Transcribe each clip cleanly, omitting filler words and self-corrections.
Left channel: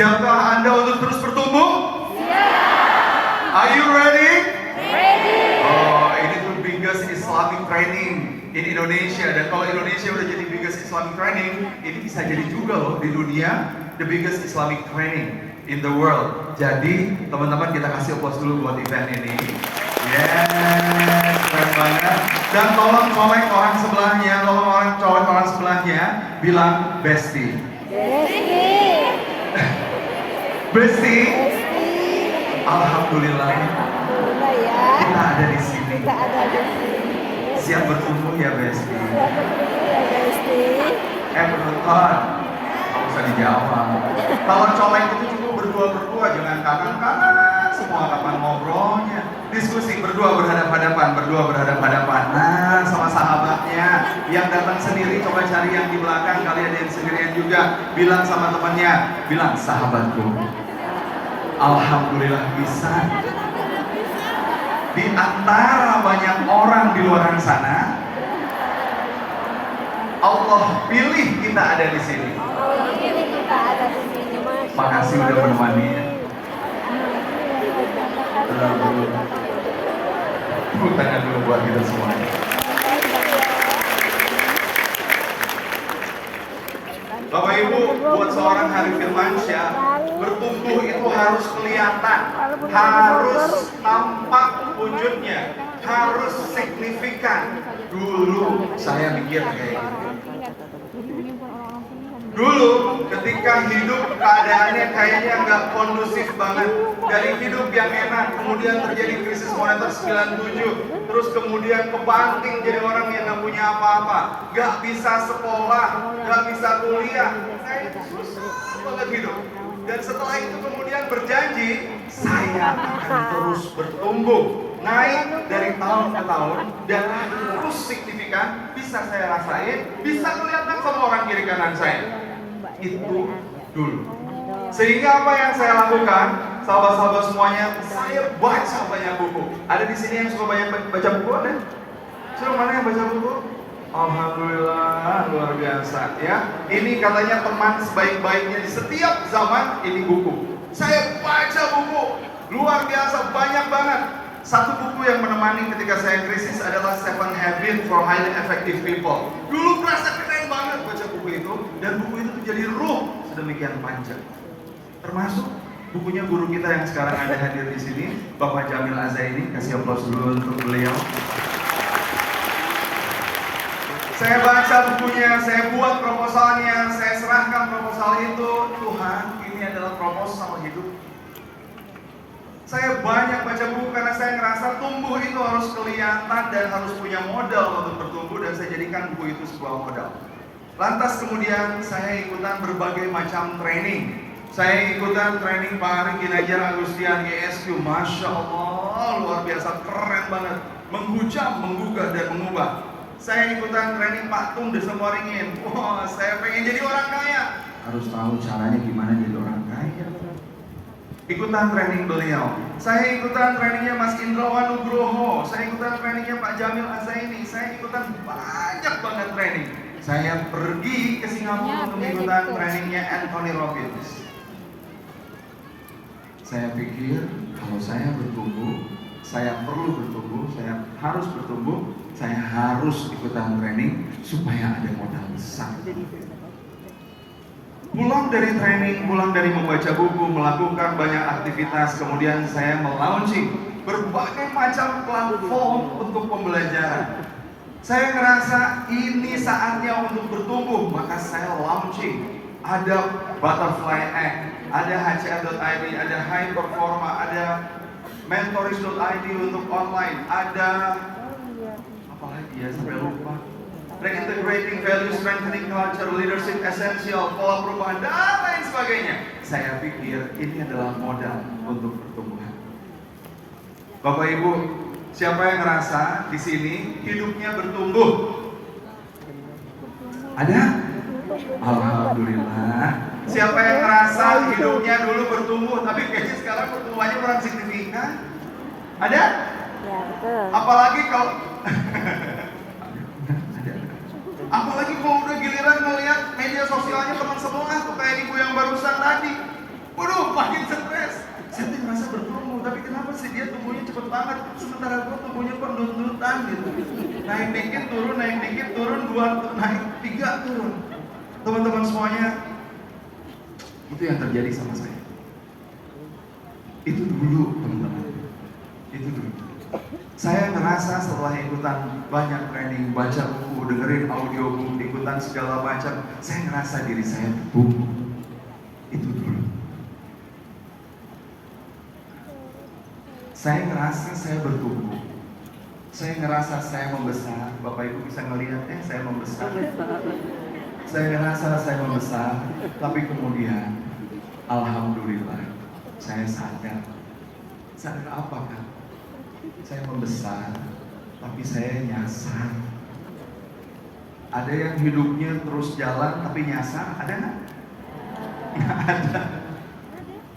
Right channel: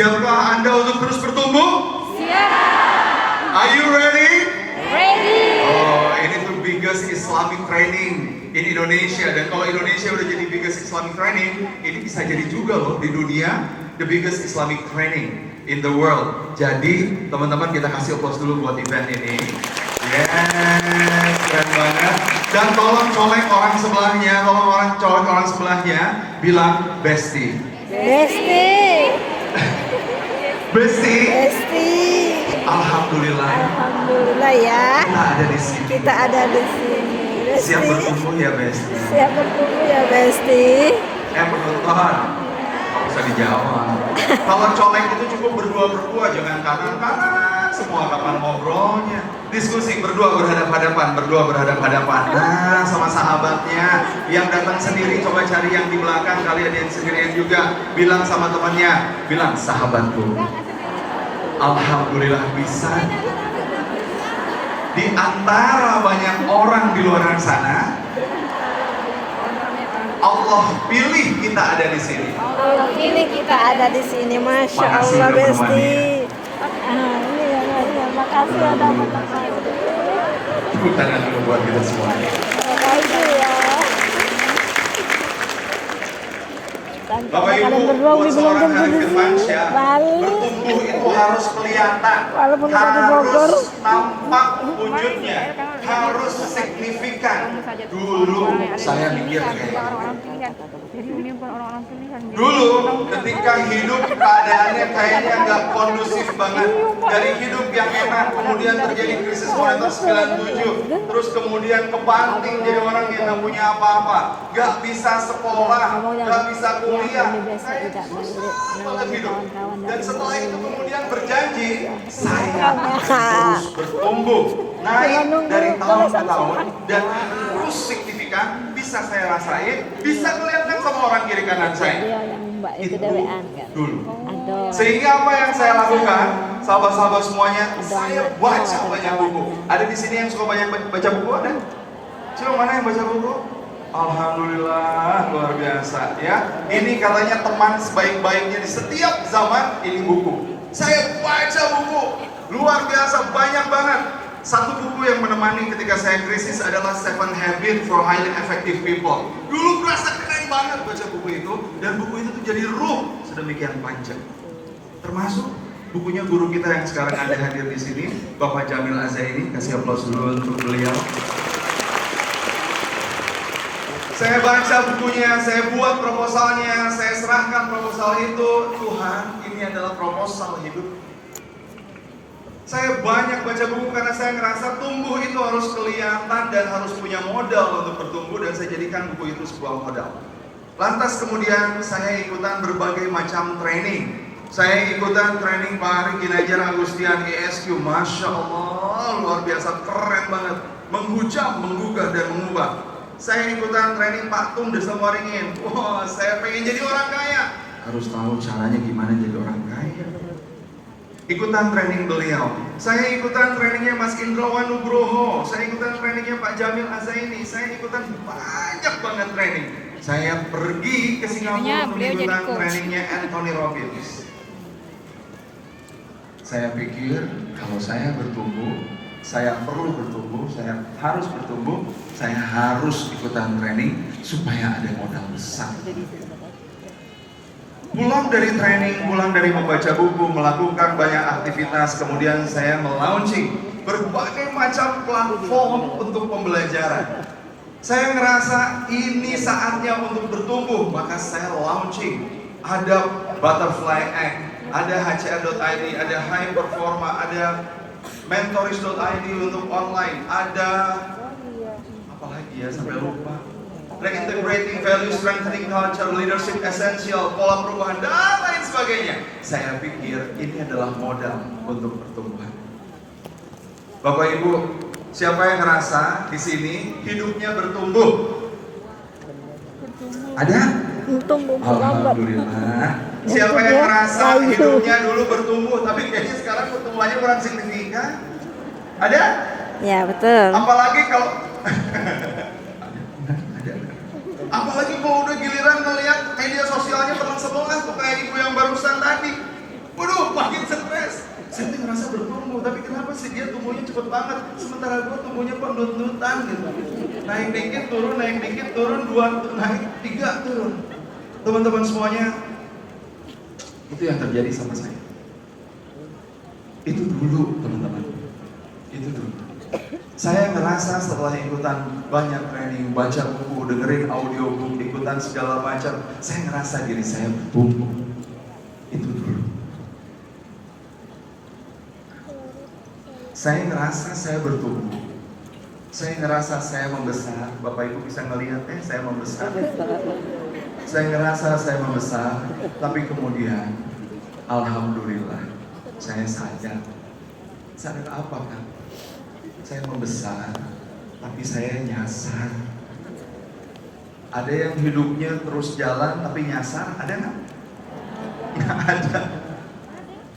Siapkah Anda untuk terus bertumbuh? Siap. Are you ready? Ready. Oh, ini tuh biggest Islamic training in Indonesia. Dan kalau Indonesia udah jadi biggest Islamic training, ini bisa jadi juga loh di dunia the biggest Islamic training in the world. Jadi teman-teman, kita kasih applause dulu buat event ini. Yes, keren banget. Dan tolong colek orang sebelahnya, colek orang sebelahnya, bilang bestie. Bestie. Bestie. Bestie. Alhamdulillah. Alhamdulillah ya. Kita ada di sini. Kita ada di sini. Bestie. Siap bertumbuh ya bestie. Siap bertumbuh ya bestie. Penonton, nggak usah dijawab. Kalau colek itu cukup berdua, jangan kanan semua kapan ngobrolnya. Diskusi berdua berhadap-hadapan. Nah, sama sahabatnya. Yang datang sendiri coba cari yang di belakang, kalian yang sendirian juga. Bilang sama temannya, bilang sahabatku. Alhamdulillah bisa. Di antara banyak orang di luar sana, Allah pilih kita ada di sini. Ini kita ada di sini, masya Makasih Allah udah bestie. menemani. Ini ya, makasih ya. Tepuk tangan dulu buat kita semua. Bapak Ibu, buat seorang Hari Firmansyah, bertumbuh itu harus kelihatan, harus nampak wujudnya, harus signifikan. Dulu saya mikir kayak gitu. Dulu ketika hidup keadaannya kayaknya nggak kondusif banget. Dari hidup yang enak, kemudian terjadi krisis moneter 97. Terus kemudian kebanting jadi orang yang nggak punya apa-apa. Nggak bisa sekolah, nggak bisa kuliah. Saya susah banget hidup. Dan setelah itu kemudian berjanji, saya akan terus bertumbuh. Naik dari tahun ke tahun dan terus signifikan, bisa saya rasain, bisa kelihatan sama orang kiri kanan saya. Itu dulu. Sehingga apa yang saya lakukan, sahabat-sahabat semuanya, saya baca banyak buku. Ada di sini yang suka banyak baca buku, ada? Coba mana yang baca buku? Alhamdulillah, luar biasa ya. Ini katanya teman sebaik-baiknya di setiap zaman, ini buku. Saya baca buku, luar biasa, banyak banget. Satu buku yang menemani ketika saya krisis adalah 7 Habits for Highly Effective People. Dulu merasa keren banget baca buku itu, dan buku itu tuh jadi ruh sedemikian panjang. Termasuk bukunya guru kita yang sekarang ada hadir di sini, Bapak Jamil Azaini. Kasih aplaus dulu untuk beliau. Saya baca bukunya, saya buat proposalnya, saya serahkan proposal itu. Tuhan, ini adalah proposal hidup. Saya banyak baca buku karena saya ngerasa tumbuh itu harus kelihatan dan harus punya modal untuk bertumbuh, dan saya jadikan buku itu sebuah modal. Lantas kemudian saya ikutan berbagai macam training. Saya ikutan training Pak Ari Kinajar Agustian ESQ. Masya Allah, luar biasa, keren banget. Menghujam, menggugah, dan mengubah. Saya ikutan training Pak Tung Desa Waringin. Wah, saya pengen jadi orang kaya. Harus tahu caranya gimana jadi orang kaya. Ikutan training beliau. Saya ikutan trainingnya Mas Indrawan Nugroho. Saya ikutan trainingnya Pak Jamil Azaini. Saya ikutan banyak banget training. Saya pergi ke Singapura untuk ikutan trainingnya Anthony Robbins. Saya pikir kalau saya bertumbuh, saya perlu bertumbuh, saya harus bertumbuh, saya harus ikutan training supaya ada modal besar. Pulang dari training, pulang dari membaca buku, melakukan banyak aktivitas, kemudian saya melaunching berbagai macam platform untuk pembelajaran. Saya ngerasa ini saatnya untuk bertumbuh, maka saya launching. Ada Butterfly Egg, ada HCR.id, ada High Performa, ada Mentors.id untuk online, ada apa lagi ya, sampai lupa. Reintegrating Value, Strengthening Culture, Leadership Essential, Pola Perubahan, dan lain sebagainya. Saya pikir ini adalah modal untuk pertumbuhan. Bapak Ibu, siapa yang ngerasa di sini hidupnya bertumbuh? Ada? Alhamdulillah. Siapa yang ngerasa hidupnya dulu bertumbuh, tapi kayaknya sekarang pertumbuhannya kurang signifikan? Ada? Ya betul. Apalagi kalau apalagi kalau udah giliran ngelihat media sosialnya teman sebelah tuh kayak ibu yang barusan tadi. kenapa sih dia tumbuhnya cepet banget, sementara gue tumbuhnya kok nut-nutan gitu. Naik dikit turun, dua, naik tiga turun. Teman-teman semuanya, itu yang terjadi sama saya. Itu dulu teman-teman, itu dulu. Saya ngerasa setelah ikutan banyak training, baca buku, dengerin audiobook, ikutan segala macam, saya ngerasa diri saya bertumbuh. Itu dulu. Saya ngerasa saya bertumbuh. Saya ngerasa saya membesar. Bapak Ibu bisa ngelihat saya membesar. Saya ngerasa saya membesar, tapi kemudian alhamdulillah saya sadar. Sadar apa kan? Saya membesar, tapi saya nyasar. Ada yang hidupnya terus jalan tapi nyasar, ada nggak? Nggak ada.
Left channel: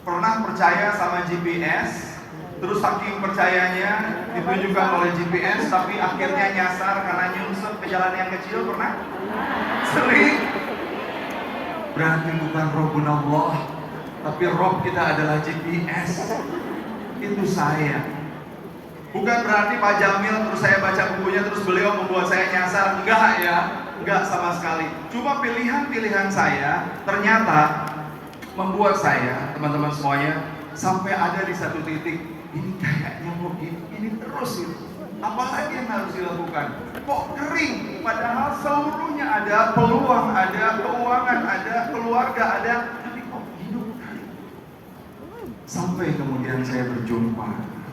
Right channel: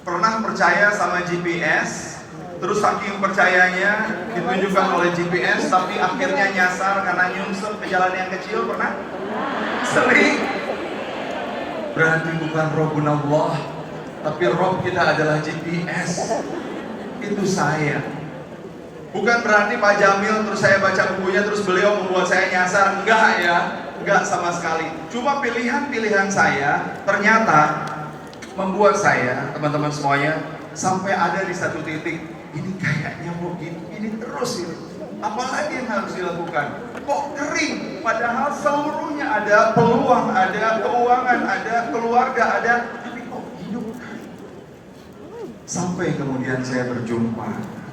Pernah percaya sama GPS, terus saking percayanya ditunjukkan oleh GPS, tapi akhirnya nyasar karena nyungsep ke jalan yang kecil, pernah? Sering. Berarti bukan Rabbunallah, tapi Rob kita adalah GPS. Itu saya. Bukan berarti Pak Jamil terus saya baca bukunya terus beliau membuat saya nyasar. Enggak ya, enggak sama sekali. Cuma pilihan-pilihan saya ternyata membuat saya, teman-teman semuanya, sampai ada di satu titik, ini kayaknya mau gini terus gitu. Apalagi yang harus dilakukan? Kok kering? Padahal seluruhnya ada peluang, ada keuangan, ada keluarga, ada, tapi kok hidup kering? Sampai kemudian saya berjumpa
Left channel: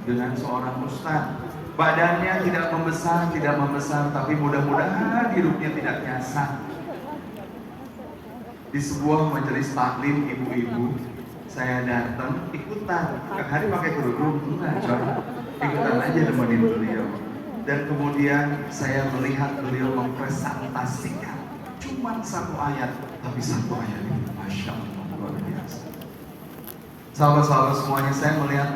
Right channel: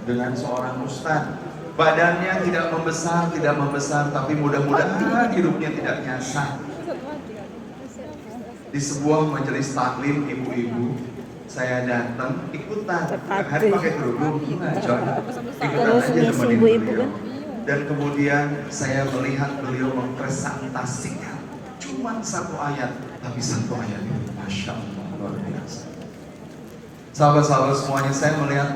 dengan seorang ustadz. Badannya tidak membesar, tapi mudah-mudahan hidupnya tidak nyasar. Di sebuah majelis taklim ibu-ibu, saya datang ikutan. Hari pakai kerudung, gimana coba? Ikutan aja temenin beliau. Dan kemudian saya melihat beliau mempresentasikan cuma satu ayat, tapi satu ayat itu masya Allah luar biasa. Sahabat-sahabat semuanya, saya melihat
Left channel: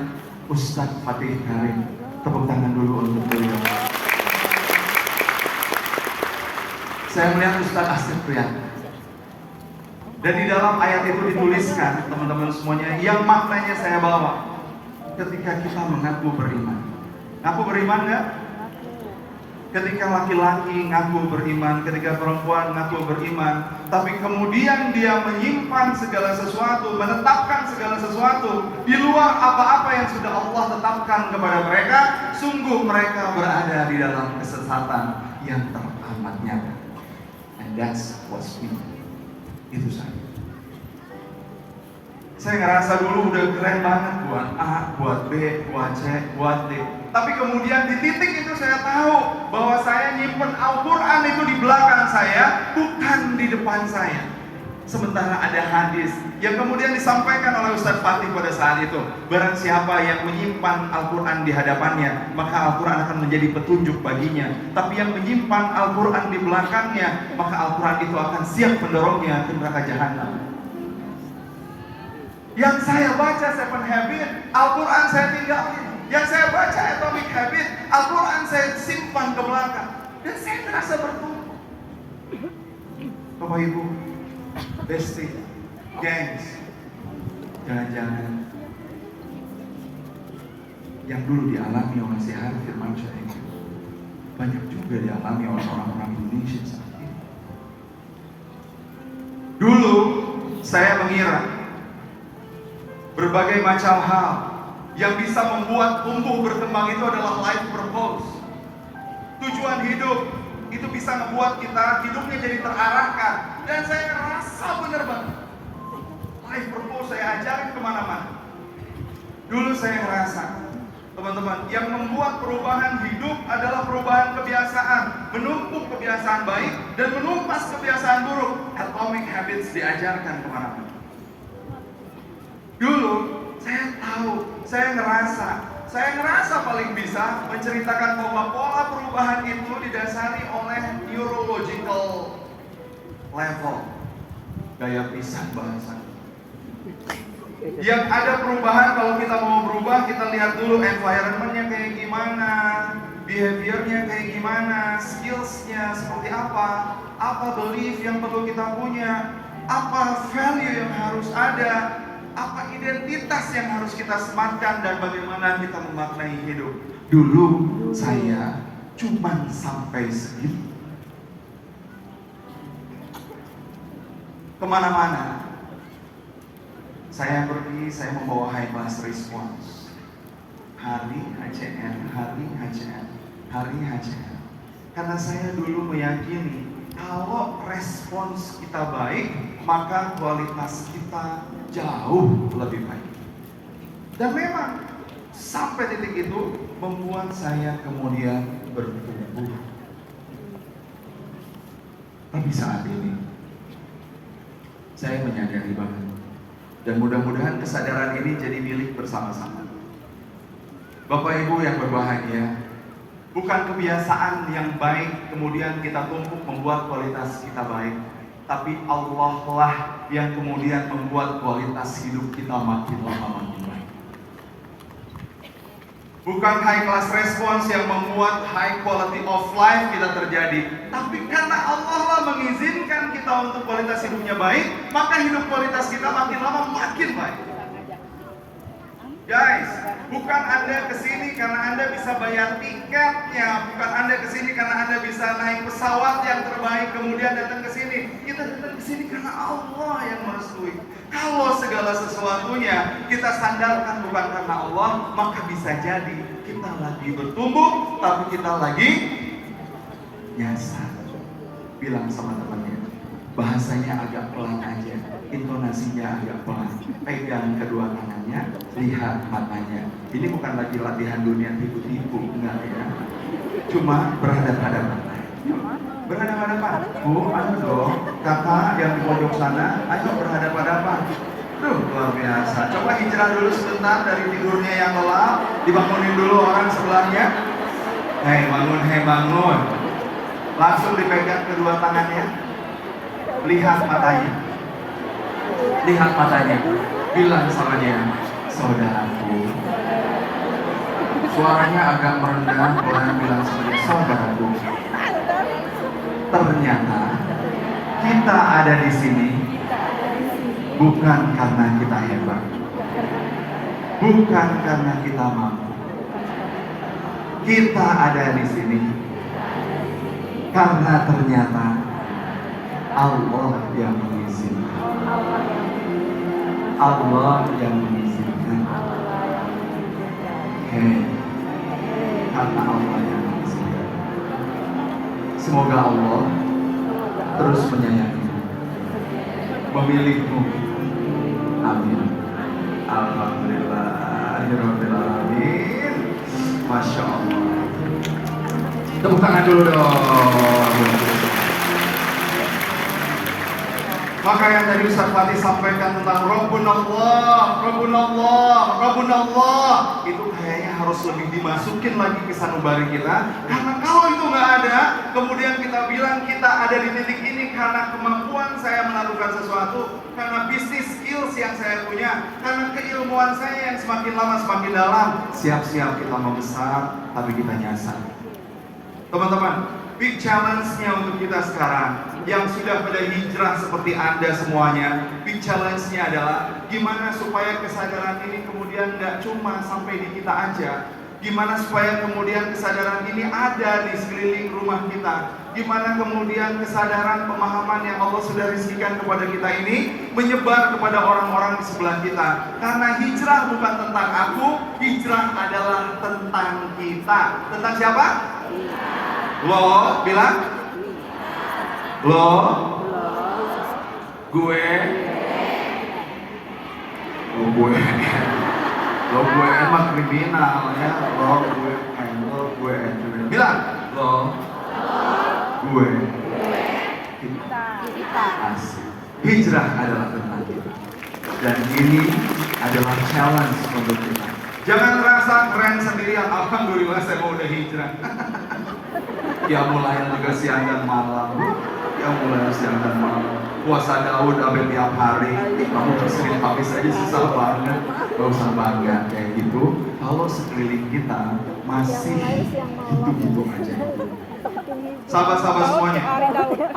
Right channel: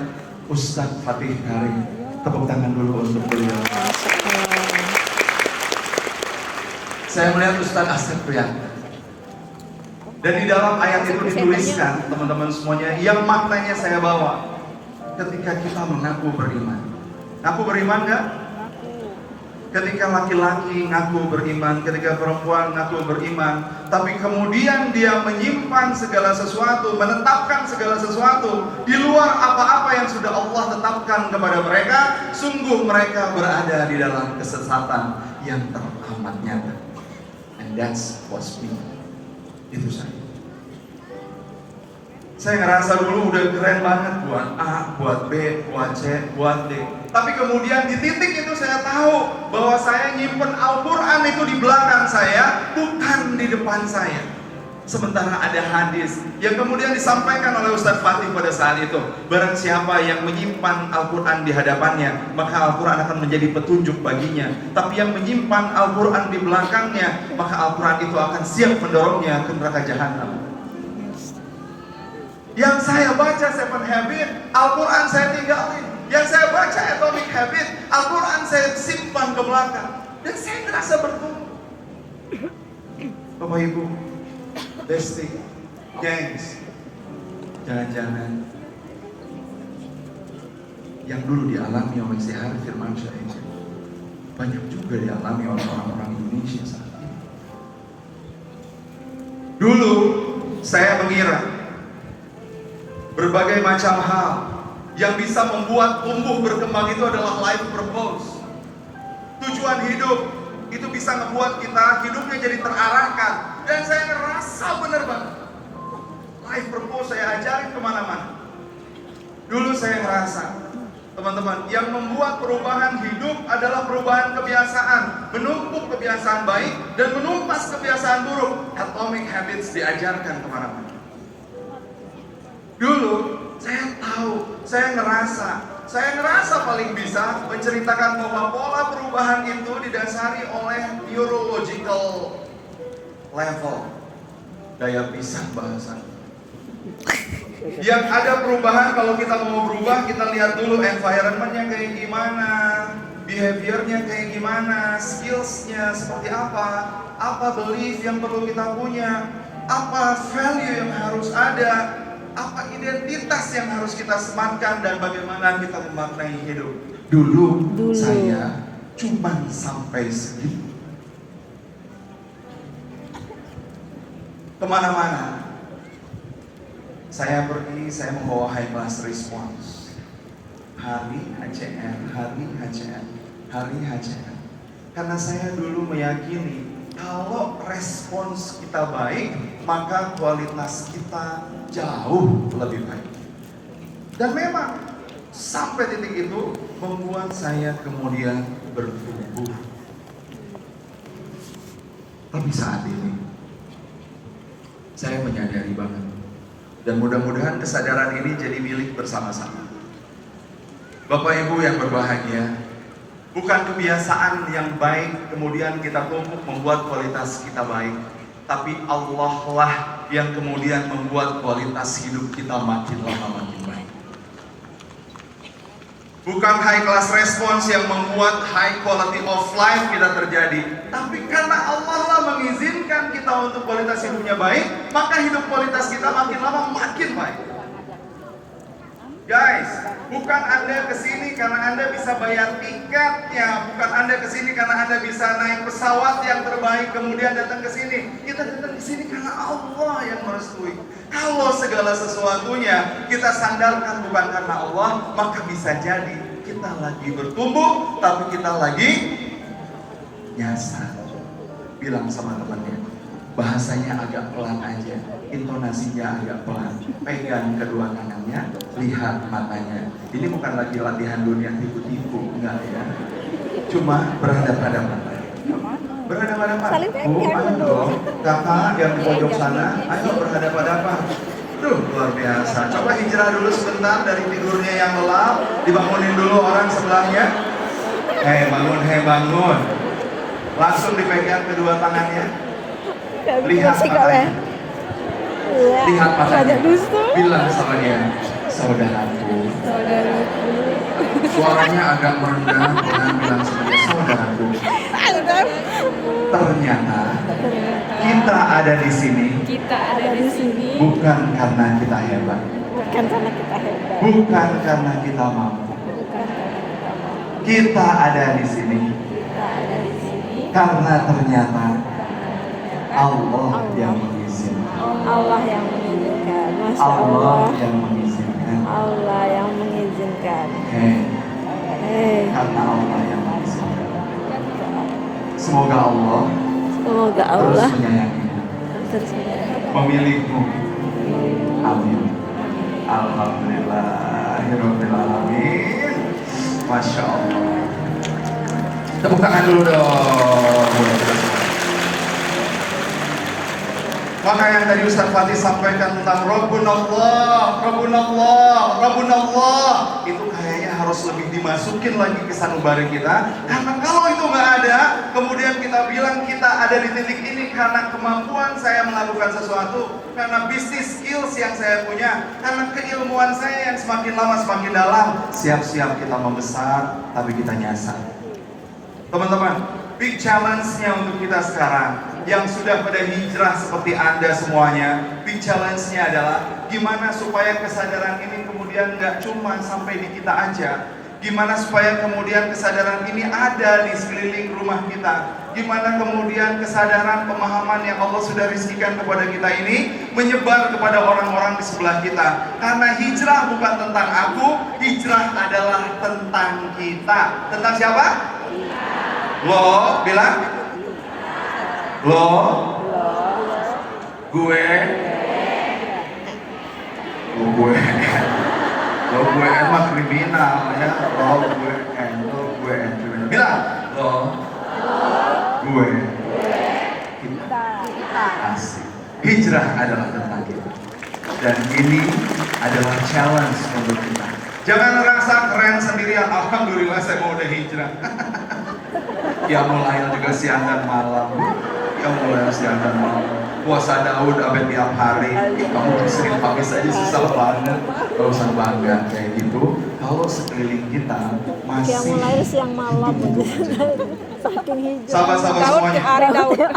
Ustadz Fatih Karim. Tepuk tangan dulu untuk beliau. Saya melihat Ustadz Asep Prianta. Dan di dalam ayat itu dituliskan, teman-teman semuanya, yang maknanya saya bawa. Ketika kita mengaku beriman. Ngaku beriman nggak? Ketika laki-laki ngaku beriman, ketika perempuan ngaku beriman, tapi kemudian dia menyimpan segala sesuatu, menetapkan segala sesuatu di luar apa-apa yang sudah Allah tetapkan kepada mereka, sungguh mereka berada di dalam kesesatan yang teramat nyata. And that's what's me. Itu saya. Saya ngerasa dulu udah keren banget buat A, buat B, buat C, buat D. Tapi kemudian di titik itu saya tahu bahwa saya nyimpen Al-Quran itu di belakang saya, bukan di depan saya. Sementara ada hadis yang kemudian disampaikan oleh Ustadz Fatih pada saat itu. Barang siapa yang menyimpan Al-Quran di hadapannya, maka Al-Quran akan menjadi petunjuk baginya. Tapi yang menyimpan Al-Quran di belakangnya, maka Al-Quran itu akan siap mendorongnya ke neraka jahanam. Yang saya baca Seven Habits, Al-Quran saya tinggalin. Yang saya baca Atomic Habits, Al-Quran saya simpan ke belakang. Dan saya merasa bertumbuh. Bapak Ibu, Besti, gengs, jangan-jangan yang dulu dialami oleh si Harif Firmansyah ini banyak juga dialami oleh orang-orang Indonesia saat ini. Dulu saya mengira berbagai macam hal yang bisa membuat tumbuh berkembang itu adalah life purpose. Tujuan hidup itu bisa membuat kita hidupnya jadi terarahkan. Dan saya ngerasa bener banget. Life purpose saya ajarin kemana-mana. Dulu saya ngerasa, teman-teman, yang membuat perubahan hidup adalah perubahan kebiasaan. Menumpuk kebiasaan baik dan menumpas kebiasaan buruk. Atomic Habits diajarkan kemana-mana. Dulu saya tahu, saya ngerasa paling bisa menceritakan bahwa pola perubahan itu didasari oleh neurological level. Gaya pisah bahasa. Yang ada perubahan, kalau kita mau berubah, kita lihat dulu environment-nya kayak gimana, behavior-nya kayak gimana, skills-nya seperti apa belief yang perlu kita punya, apa value yang harus ada. Apa identitas yang harus kita sematkan dan bagaimana kita memaknai hidup? Dulu. Saya cuma sampai segitu. Kemana-mana saya pergi, saya membawa high class response. Hari HCM, hari HCM, hari HCM. Karena saya dulu meyakini kalau respons kita baik, maka kualitas kita jauh lebih baik. Dan memang sampai titik itu membuat saya kemudian bertumbuh. Tapi saat ini saya menyadari banget, dan mudah-mudahan kesadaran ini jadi milik bersama-sama. Bapak Ibu yang berbahagia, bukan kebiasaan yang baik kemudian kita tumpuk membuat kualitas kita baik, tapi Allah lah yang kemudian membuat kualitas hidup kita makin lama makin baik. Bukan high class response yang membuat high quality of life kita terjadi, tapi karena Allah lah mengizinkan kita untuk kualitas hidupnya baik, maka hidup kualitas kita makin lama makin baik. Guys, bukan Anda kesini karena Anda bisa bayar tiketnya, bukan Anda kesini karena Anda bisa naik pesawat yang terbaik kemudian datang ke sini. Kita datang ke sini karena Allah yang merestui. Kalau segala sesuatunya kita sandarkan bukan karena Allah, maka bisa jadi kita lagi bertumbuh, tapi kita lagi nyasar. Bilang sama temannya, bahasanya agak pelan aja, intonasinya agak pelan. Pegang kedua tangannya, lihat matanya. Ini bukan lagi latihan dunia tipu-tipu, enggak ya. Cuma berhadapan-hadapan. Berhadapan-hadapan. Oh, ayo dong. Kakak yang di pojok sana, ayo berhadapan-hadapan. Tuh, luar biasa. Coba hijrah dulu sebentar dari tidurnya yang lelap. Dibangunin dulu orang sebelahnya. Hei bangun. Langsung dipegang kedua tangannya. Lihat matanya. Lihat matanya. Bilang sama dia, saudaraku. Suaranya agak merendah, orang bilang sama dia, saudaraku. Ternyata kita ada di sini. Bukan karena kita hebat. Bukan karena kita mampu. Kita ada di sini karena ternyata Allah yang mengizinkan. Allah yang mengizinkan. Masya Allah yang mengizinkan. Allah yang mengizinkan. Karena Allah yang mengizinkan. Semoga Allah terus menyayangimu, memilihmu. Amin. Alhamdulillahirrahmanirrahim. Masya Allah. Tepuk tangan dulu dong. Maka yang tadi Ustaz Fatih sampaikan tentang Rabbunallah, itu kayaknya harus lebih dimasukin lagi ke sanubari kita. Karena kalau itu nggak ada, kemudian kita bilang kita ada di titik ini karena kemampuan saya melakukan sesuatu, karena bisnis skills yang saya punya, karena keilmuan saya yang semakin lama semakin dalam. Siap-siap kita membesar, tapi kita nyasar. Teman-teman, big challenge-nya untuk kita sekarang yang sudah pada hijrah seperti Anda semuanya, big challenge-nya adalah gimana supaya kesadaran ini kemudian nggak cuma sampai di kita aja. Gimana supaya kemudian kesadaran ini ada di sekeliling rumah kita. Gimana kemudian kesadaran pemahaman yang Allah sudah rizkikan kepada kita ini menyebar kepada orang-orang di sebelah kita. Karena hijrah bukan tentang aku, hijrah adalah tentang kita. Tentang siapa? Lo, bilang? Lo, gue, lo gue emang kriminal ya, lo gue, bilang, lo, gue, kita, asik. Hijrah adalah tentang kita, dan ini adalah challenge untuk kita. Jangan merasa keren sendirian, alhamdulillah saya mau udah hijrah. Ya mulai juga siang dan malam. Puasa Daud sampai tiap hari. Kamu sering pagi saja susah banget. Gak usah bangga kayak gitu. Kalau sekeliling kita masih hidup-hidup aja. Sahabat-sahabat semuanya,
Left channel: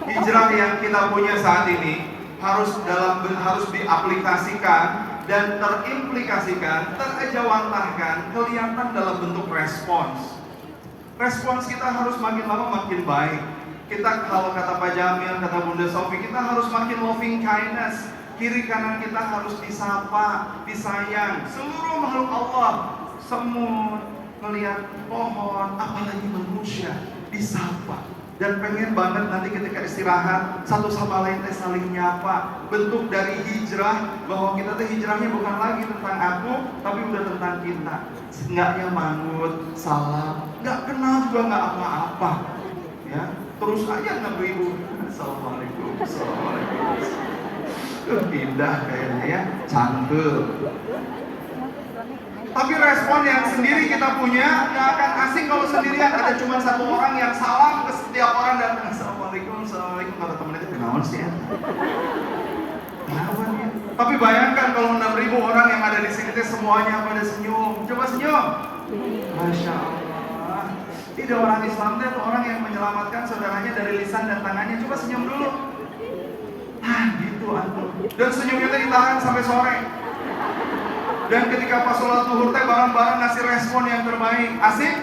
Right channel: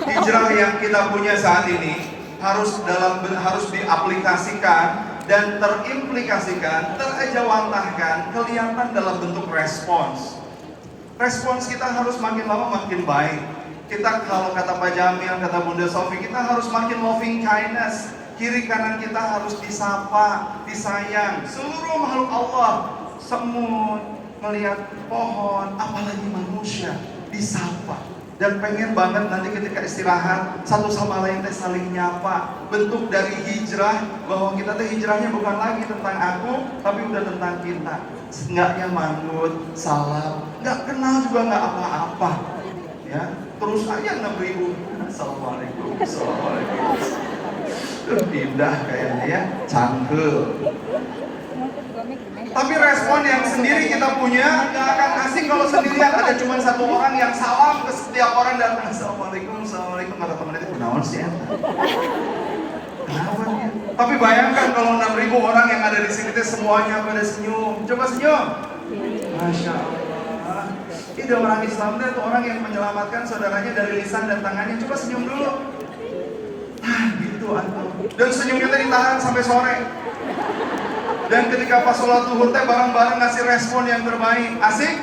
hijrah yang kita punya saat ini harus diaplikasikan dan terimplikasikan, terejawantahkan, kelihatan dalam bentuk respons. Respons kita harus makin lama makin baik. Kita kalau kata Pak Jamil, kata Bunda Sofi, kita harus makin loving kindness. Kiri kanan kita harus disapa, disayang. Seluruh makhluk Allah, semut, melihat pohon, apalagi manusia, disapa. Dan pengen banget nanti ketika istirahat, satu sama lain teh saling nyapa. Bentuk dari hijrah, bahwa kita teh hijrahnya bukan lagi tentang aku, tapi udah tentang kita. Enggaknya mangut, salam, nggak kenal juga nggak apa-apa. Ya, terus aja 6.000. Assalamualaikum, assalamualaikum. Indah kayaknya ya, cantik. Tapi respon yang sendiri kita punya gak akan asing kalau sendirian. Ada cuma satu orang yang salam ke setiap orang datang. Assalamualaikum, assalamualaikum. Kata temen itu kenalan sih ya. Tapi bayangkan kalau 6.000 orang yang ada di sini teh semuanya pada senyum. Coba senyum. Masya Allah. Ini orang Islam itu orang yang menyelamatkan saudaranya dari lisan dan tangannya. Coba senyum dulu. Gitu antum. Dan senyum kita ditahan sampai sore. Dan ketika pas sholat zuhur teh bareng-bareng ngasih respon yang terbaik. Asik?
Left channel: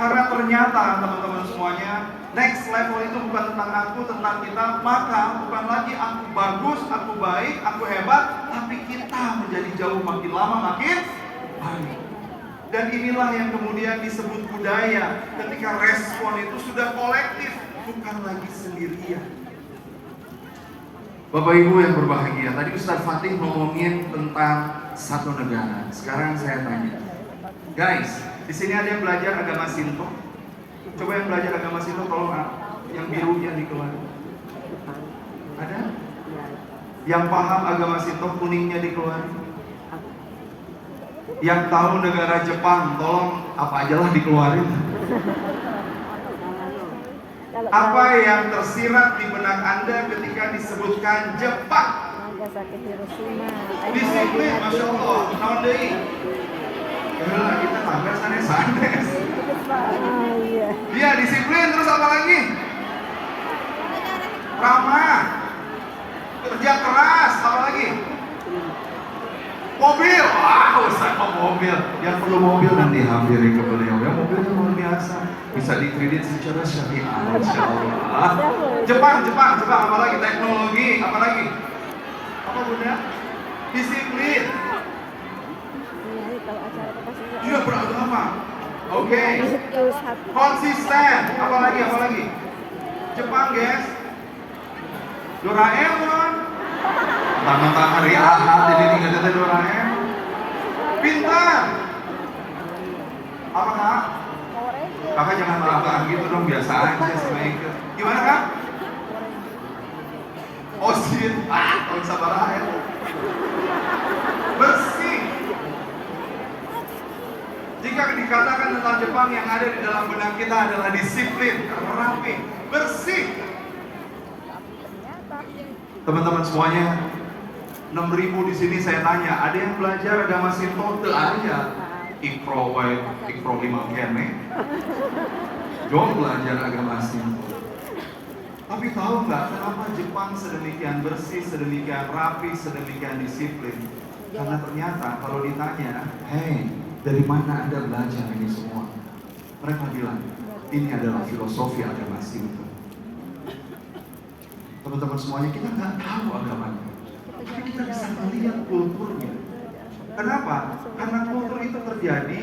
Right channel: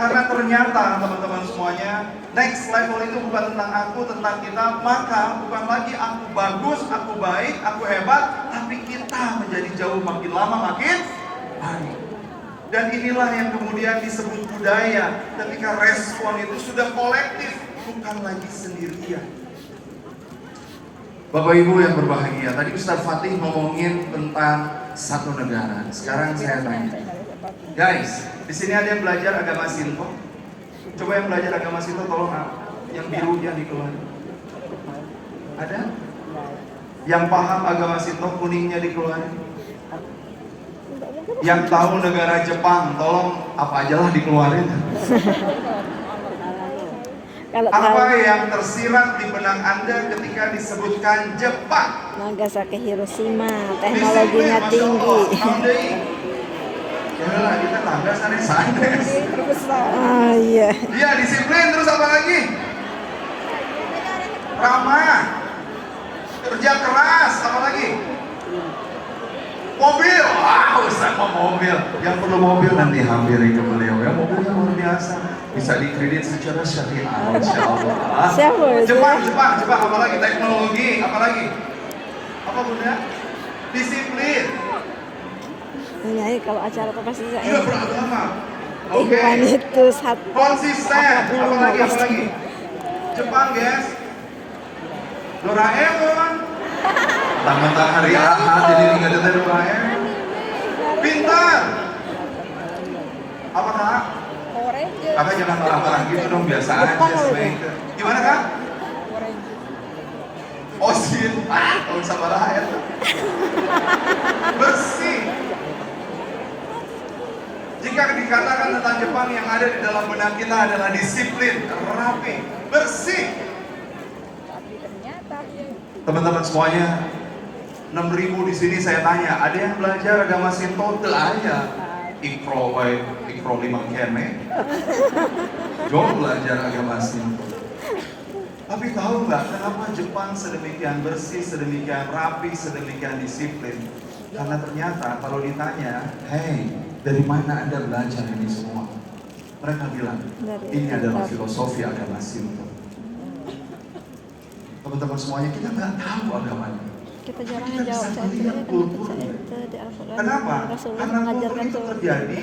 Karena ternyata teman-teman semuanya, next level itu bukan tentang aku, tentang kita. Maka bukan lagi aku bagus, aku baik, aku hebat, tapi kita menjadi jauh makin lama makin baik. Dan inilah yang kemudian disebut budaya. Ketika respon itu sudah kolektif, bukan lagi sendirian. Bapak Ibu yang berbahagia, tadi Ustaz Fatih ngomongin tentang satu negara. Sekarang saya tanya, guys, di sini ada yang belajar agama Sinto? Coba yang belajar agama Sinto, tolong yang biru yang dikeluarin. Ada? Yang paham agama Sinto, kuningnya dikeluarin. Yang tahu negara Jepang, tolong apa aja lah dikeluarin. Apa yang tersirat di benak Anda ketika disebutkan Jepang? Nagasaki, Hiroshima, teknologinya tinggi. Ya kita tangga sanes-sanes. Iya. Dia disiplin, terus apa lagi? Ramah, kerja keras, apa lagi? Mobil, wah Ustaz mau mobil. Yang perlu mobil nanti hampiri ke beliau ya, mobilnya luar biasa. Bisa dikredit secara syariah, Insya Allah. Jepang, apa lagi? Teknologi, apa lagi? Apa Bunda? Disiplin. Iya, kalau acara apa pasti saya. Tidak beragama. Oke. Itu satu. Konsisten, apa lagi? Jepang, guys. Doraemon. Tangan hari Ahad, jadi tinggal ada Doraemon. Pintar. Apa Kak? Kakak jangan marah-marah gitu dong, biasa aja sebenarnya. Gimana Kak? Osin, kalau bisa marah ya. Bersih. Jika dikatakan tentang Jepang, yang ada di dalam benak kita adalah disiplin, rapi, bersih. Teman-teman semuanya, 6.000 di sini saya tanya, ada yang belajar agama Sinto? Teu aya. Ikro 5 kene. Jom belajar agama Sinto. Tapi tahu nggak kenapa Jepang sedemikian bersih, sedemikian rapi, sedemikian disiplin? Karena ternyata kalau ditanya, hey, dari mana Anda belajar ini semua? Mereka bilang, ini adalah filosofi agama Sinto. Teman-teman semuanya, kita nggak tahu agamanya. Kita bisa melihat kulturnya. Kenapa? Karena kultur itu terjadi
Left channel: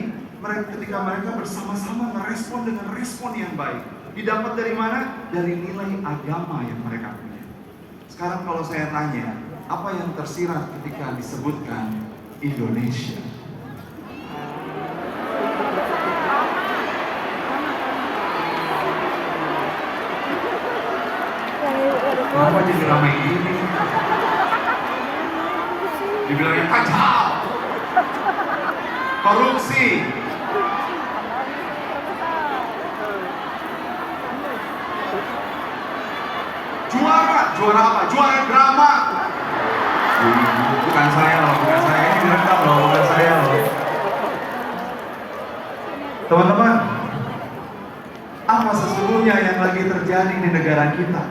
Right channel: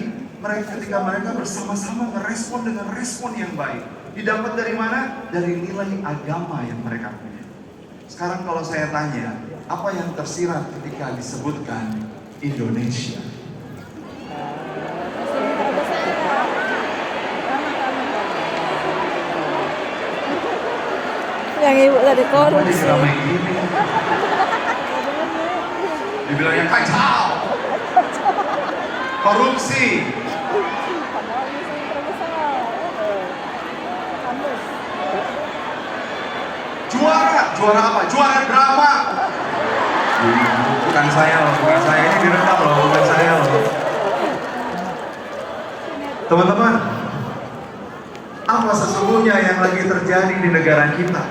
ketika mereka bersama-sama merespon dengan respon yang baik. Didapat dari mana? Dari nilai agama yang mereka punya. Sekarang kalau saya tanya, apa yang tersirat ketika disebutkan Indonesia? Yang ibu tadi korupsi. Dibilangnya kacau. Korupsi. Juara apa? Juara drama. Bukan saya loh, ini direkam loh, bukan saya loh. Teman-teman, apa sesungguhnya yang lagi terjadi di negara kita?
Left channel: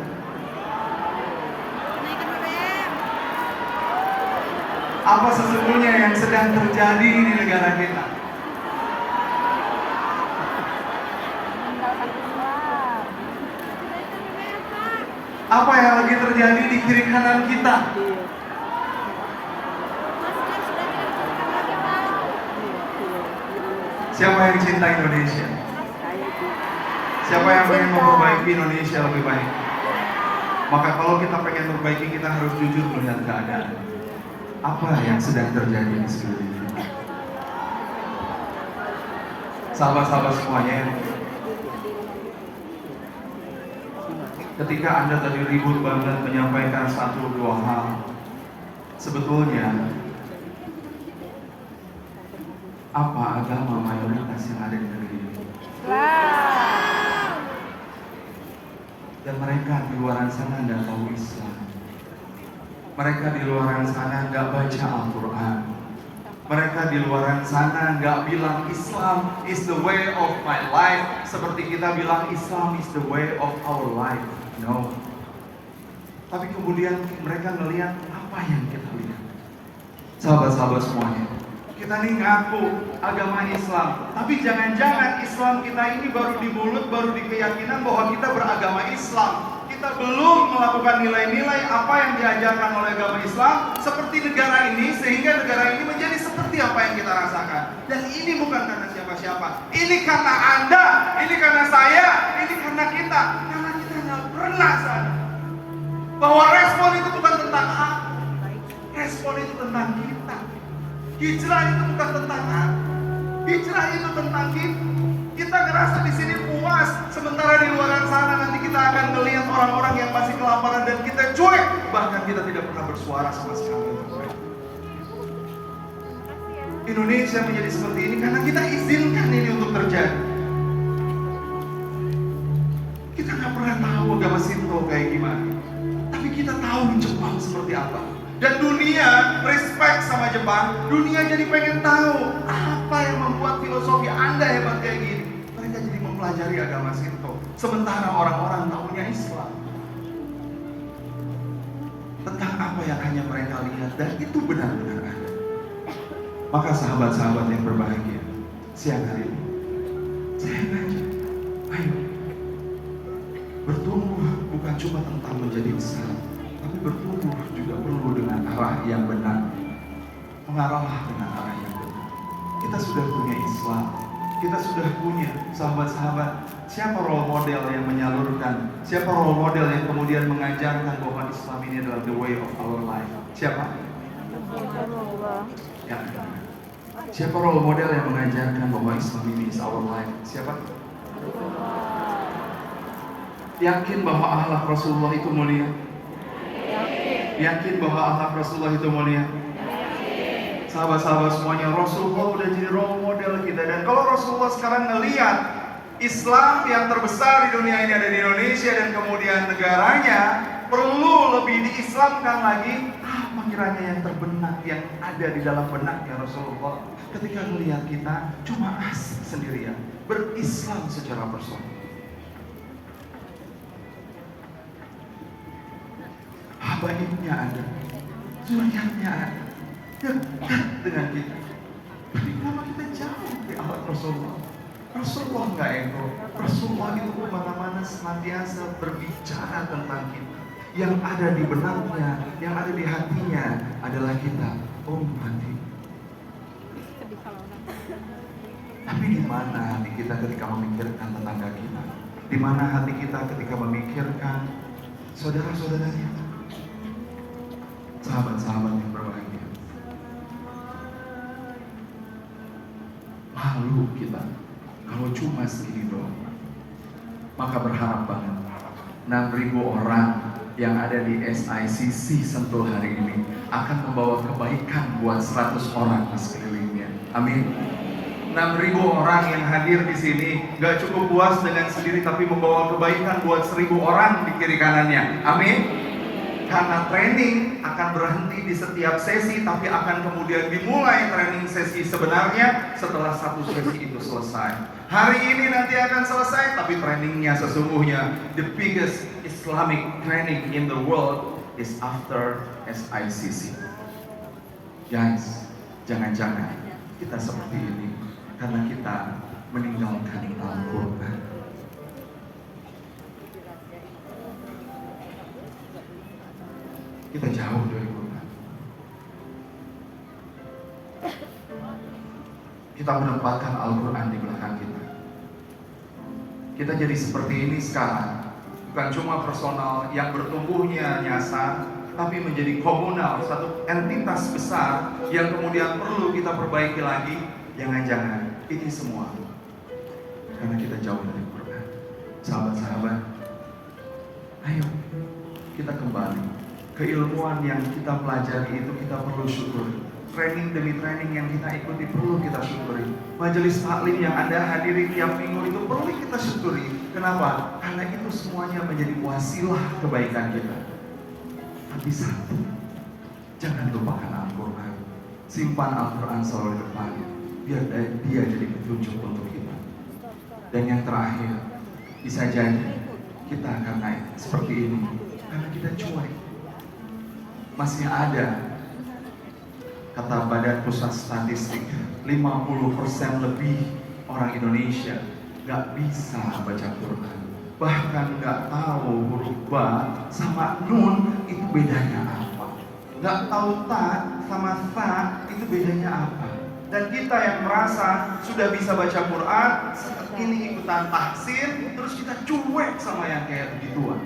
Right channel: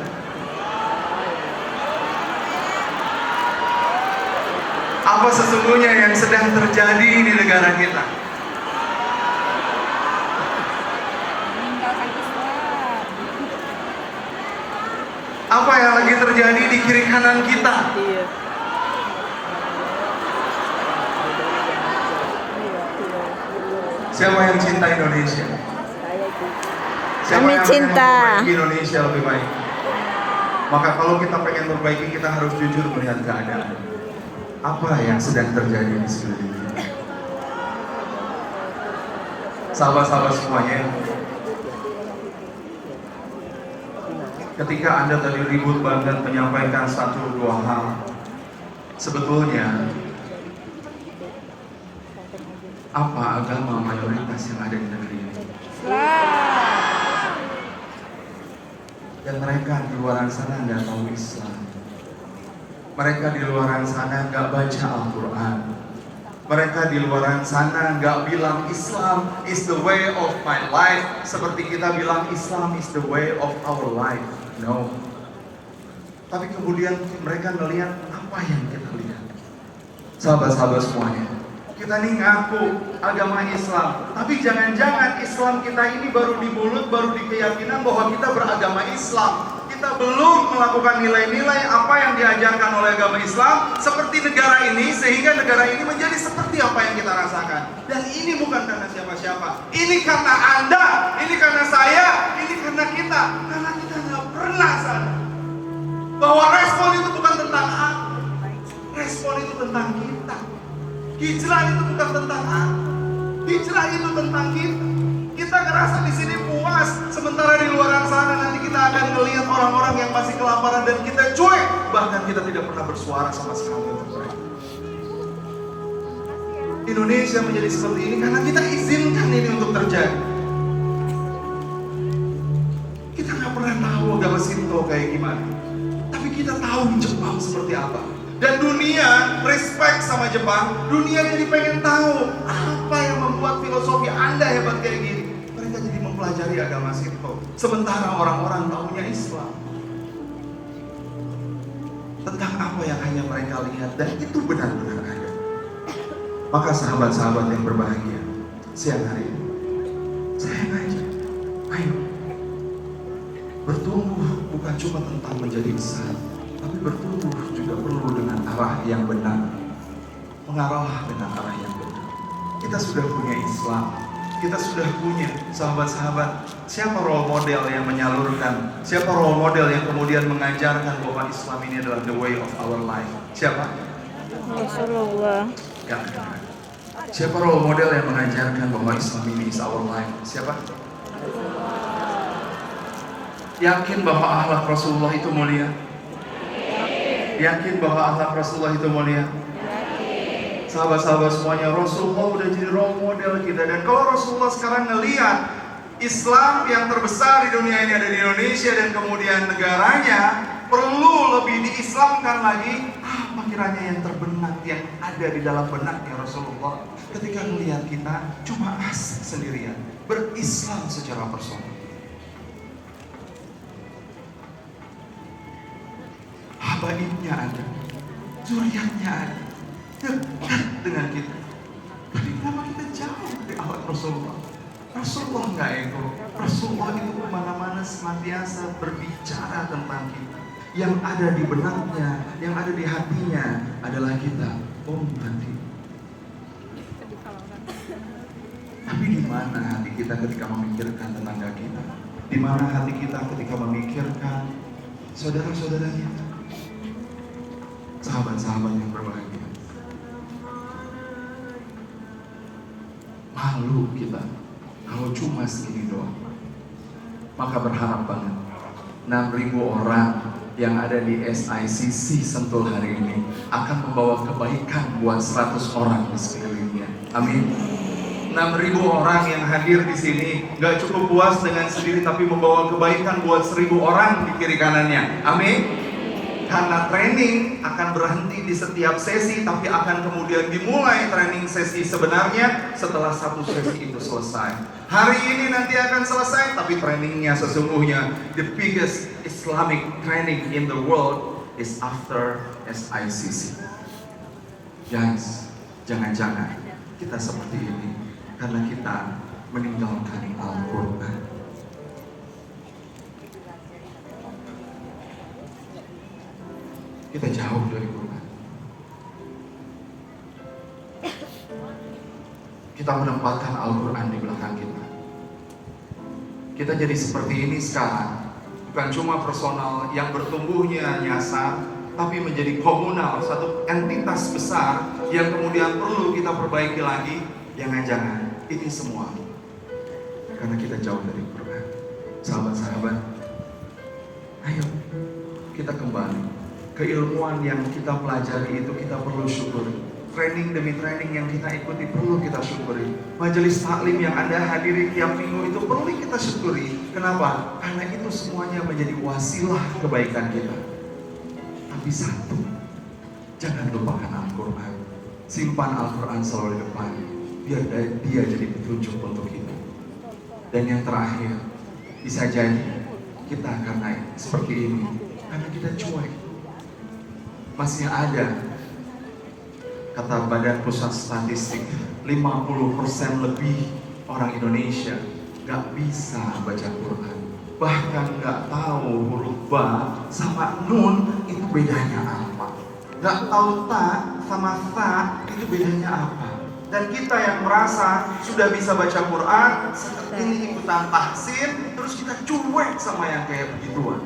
Apa sesungguhnya yang sedang terjadi di negara kita? Apa yang lagi terjadi di kiri kanan kita? Iya. Siapa yang cinta Indonesia? Saya juga. Siapa yang pengen Cinta. memperbaiki Indonesia lebih baik? Maka kalau kita pengen memperbaiki, kita harus jujur melihat keadaan. Apa yang sedang terjadi di sekeliling kita? Sahabat-sahabat semuanya, ketika Anda tadi ribut banget menyampaikan satu dua hal, sebetulnya apa agama mayoritas yang ada di negeri ini? Dan mereka di luar sana nggak tahu Islam. Mereka di luar sana nggak baca Al-Quran. Mereka di luar sana nggak bilang Islam is the way of my life, seperti kita bilang Islam is the way of our life. No. Tapi kemudian mereka ngelihat apa yang kita lihat. Sahabat-sahabat semuanya, kita ini ngaku agama Islam, tapi jangan-jangan Islam kita ini baru di mulut, baru di keyakinan bahwa kita beragama Islam. Kita belum melakukan nilai-nilai apa yang diajarkan oleh agama Islam seperti negara ini, sehingga negara ini menjadi seperti apa yang kita rasakan. Dan ini bukan karena siapa-siapa, ini karena Anda, ini karena saya, ini karena kita. Karena kita nggak pernah sadar bahwa respon itu bukan tentang aku, respon itu tentang kita. Hijrah itu bukan tentang aku, hijrah itu tentang kita. Kita ngerasa di sini puas, sementara di luar sana nanti kita akan melihat orang-orang yang masih kelaparan dan kita cuek, bahkan kita tidak pernah bersuara sama sekali untuk mereka. Indonesia menjadi seperti ini karena kita izinkan ini untuk terjadi. Kita nggak pernah tahu agama Shinto kayak gimana, tapi kita tahu Jepang seperti apa. Dan dunia respect sama Jepang, dunia jadi pengen tahu apa yang membuat filosofi Anda hebat kayak gini. Mereka jadi mempelajari agama Shinto, sementara orang-orang tahunya Islam. Tentang apa yang hanya mereka lihat, dan itu benar-benar ada. Maka sahabat-sahabat yang berbahagia, siang hari ini saya ngajak, ayo bertumbuh bukan cuma tentang menjadi besar, tapi bertumbuh juga perlu dengan arah yang benar. Mengarahlah dengan arah yang benar. Kita sudah punya Islam, kita sudah punya sahabat-sahabat. Siapa role model yang menyalurkan? Siapa role model yang kemudian mengajarkan bahwa Islam ini adalah the way of our life? Siapa? Rasulullah. Jangan. Siapa role model yang mengajarkan bahwa Islam ini is our life? Siapa? Yakin bahwa akhlak Rasulullah itu mulia? Yakin bahwa akhlak Rasulullah itu mulia? Sahabat-sahabat semuanya, Rasulullah udah jadi role model kita. Dan kalau Rasulullah sekarang ngelihat Islam yang terbesar di dunia ini ada di Indonesia, dan kemudian negaranya perlu lebih diislamkan lagi, apa kiranya yang terbenak yang ada di dalam benaknya Rasulullah ketika melihat kita cuma asik sendirian berislam secara personal. Habaibnya ada, zuriatnya ada, dekat dengan kita. Tapi kenapa kita jauh dari akhlak Rasulullah? Rasulullah nggak ego. Rasulullah itu kemana-mana senantiasa berbicara tentang kita. Yang ada di benaknya, yang ada di hatinya adalah kita. Hati. Tapi di mana hati kita ketika memikirkan tetangga kita? Di mana hati kita ketika memikirkan saudara-saudara kita? Sahabat-sahabat yang berbahagia, malu kita kalau cuma segini doang. Maka berharap banget 6.000 orang yang ada di SICC Sentul hari ini akan membawa kebaikan buat 100 orang di sekelilingnya. Amin. 6.000 orang yang hadir di sini gak cukup puas dengan sendiri, tapi membawa kebaikan buat 1.000 orang di kiri kanannya. Amin. Karena training akan berhenti di setiap sesi, tapi akan kemudian dimulai training sesi sebenarnya setelah satu sesi itu selesai. Hari ini nanti akan selesai, tapi trainingnya sesungguhnya the biggest Islamic training in the world is after SICC. Guys, jangan-jangan kita seperti ini karena kita meninggalkan Al-Quran. Kita jauh dari Quran. Kita menempatkan Al-Quran di belakang kita. Kita jadi seperti ini sekarang, bukan cuma personal yang bertumbuhnya nyasar, tapi menjadi komunal, satu entitas besar yang kemudian perlu kita perbaiki lagi. Jangan-jangan ini semua karena kita jauh dari Quran. Sahabat-sahabat, ayo kita kembali. Keilmuan yang kita pelajari itu kita perlu syukuri. Training demi training yang kita ikuti perlu kita syukuri. Majelis taklim yang Anda hadiri tiap minggu itu perlu kita syukuri. Kenapa? Karena itu semuanya menjadi wasilah kebaikan kita. Tapi satu, jangan lupakan Al-Quran. Simpan Al-Quran selalu di depan, biar dia jadi petunjuk untuk kita. Dan yang terakhir, bisa jadi kita akan naik seperti ini karena kita cuek. Masih ada, kata Badan Pusat Statistik, 50% lebih orang Indonesia gak bisa baca Quran. Bahkan gak tahu huruf ba sama nun itu bedanya apa. Gak tahu ta sama sa itu bedanya apa. Dan kita yang merasa sudah bisa baca Quran, seperti ini ikutan tahsin, terus kita cuek sama yang kayak begituan.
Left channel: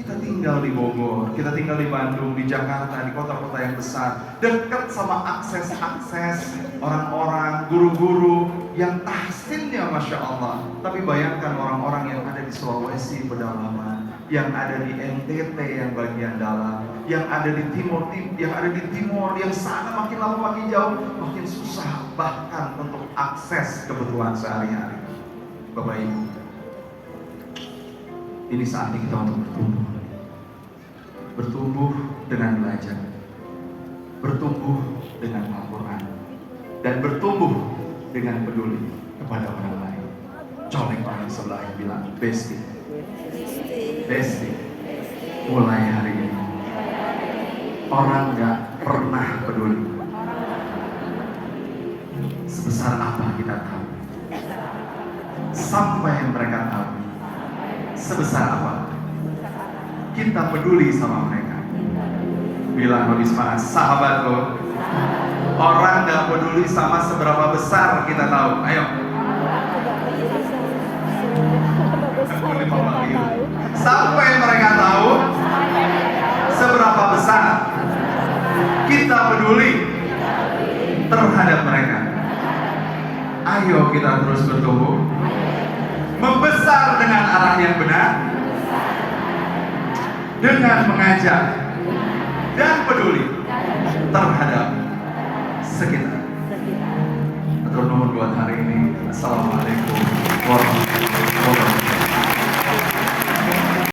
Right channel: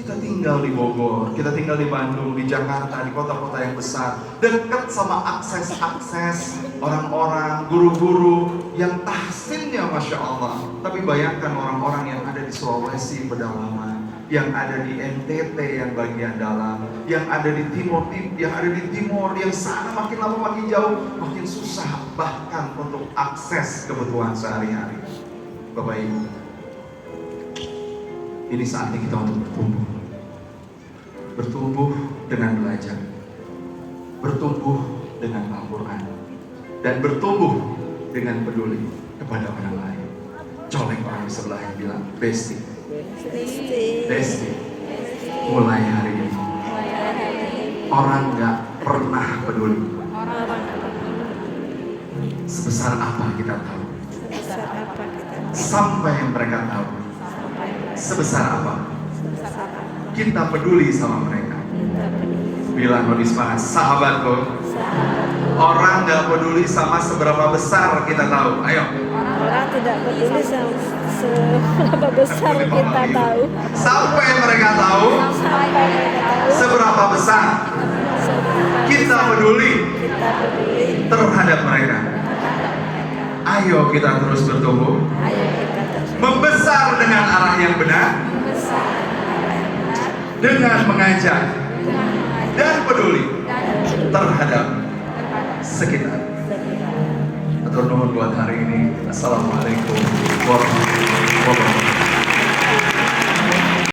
Kita tinggal di Bogor, kita tinggal di Bandung, di Jakarta, di kota-kota yang besar, dekat sama akses-akses orang-orang, guru-guru yang tahsinnya Masya Allah. Tapi bayangkan orang-orang yang ada di Sulawesi pedalaman, yang ada di NTT yang bagian dalam, yang ada di timur, yang sana makin lama makin jauh, makin susah bahkan untuk akses kebutuhan sehari-hari. Bapak Ibu, ini saatnya kita untuk bertumbuh dengan belajar, bertumbuh dengan Al-Quran, dan bertumbuh dengan peduli kepada orang lain. Colek orang sebelah yang bilang, Besti, mulai hari ini orang gak pernah peduli. Sebesar apa kita tahu, sampai yang mereka tahu sebesar apa kita peduli sama mereka. Bilang lebih semangat, sahabatku, orang gak peduli sama seberapa besar kita tahu. Ayo. Orang tidak peduli sama seberapa besar kita tahu. Sampai mereka tahu seberapa besar kita peduli terhadap mereka. Ayo kita terus bertumbuh, membesar dengan arah yang benar, dengan mengajak dan peduli terhadap sekitar. Atau nomor buat hari ini. Assalamualaikum warahmatullahi wabarakatuh.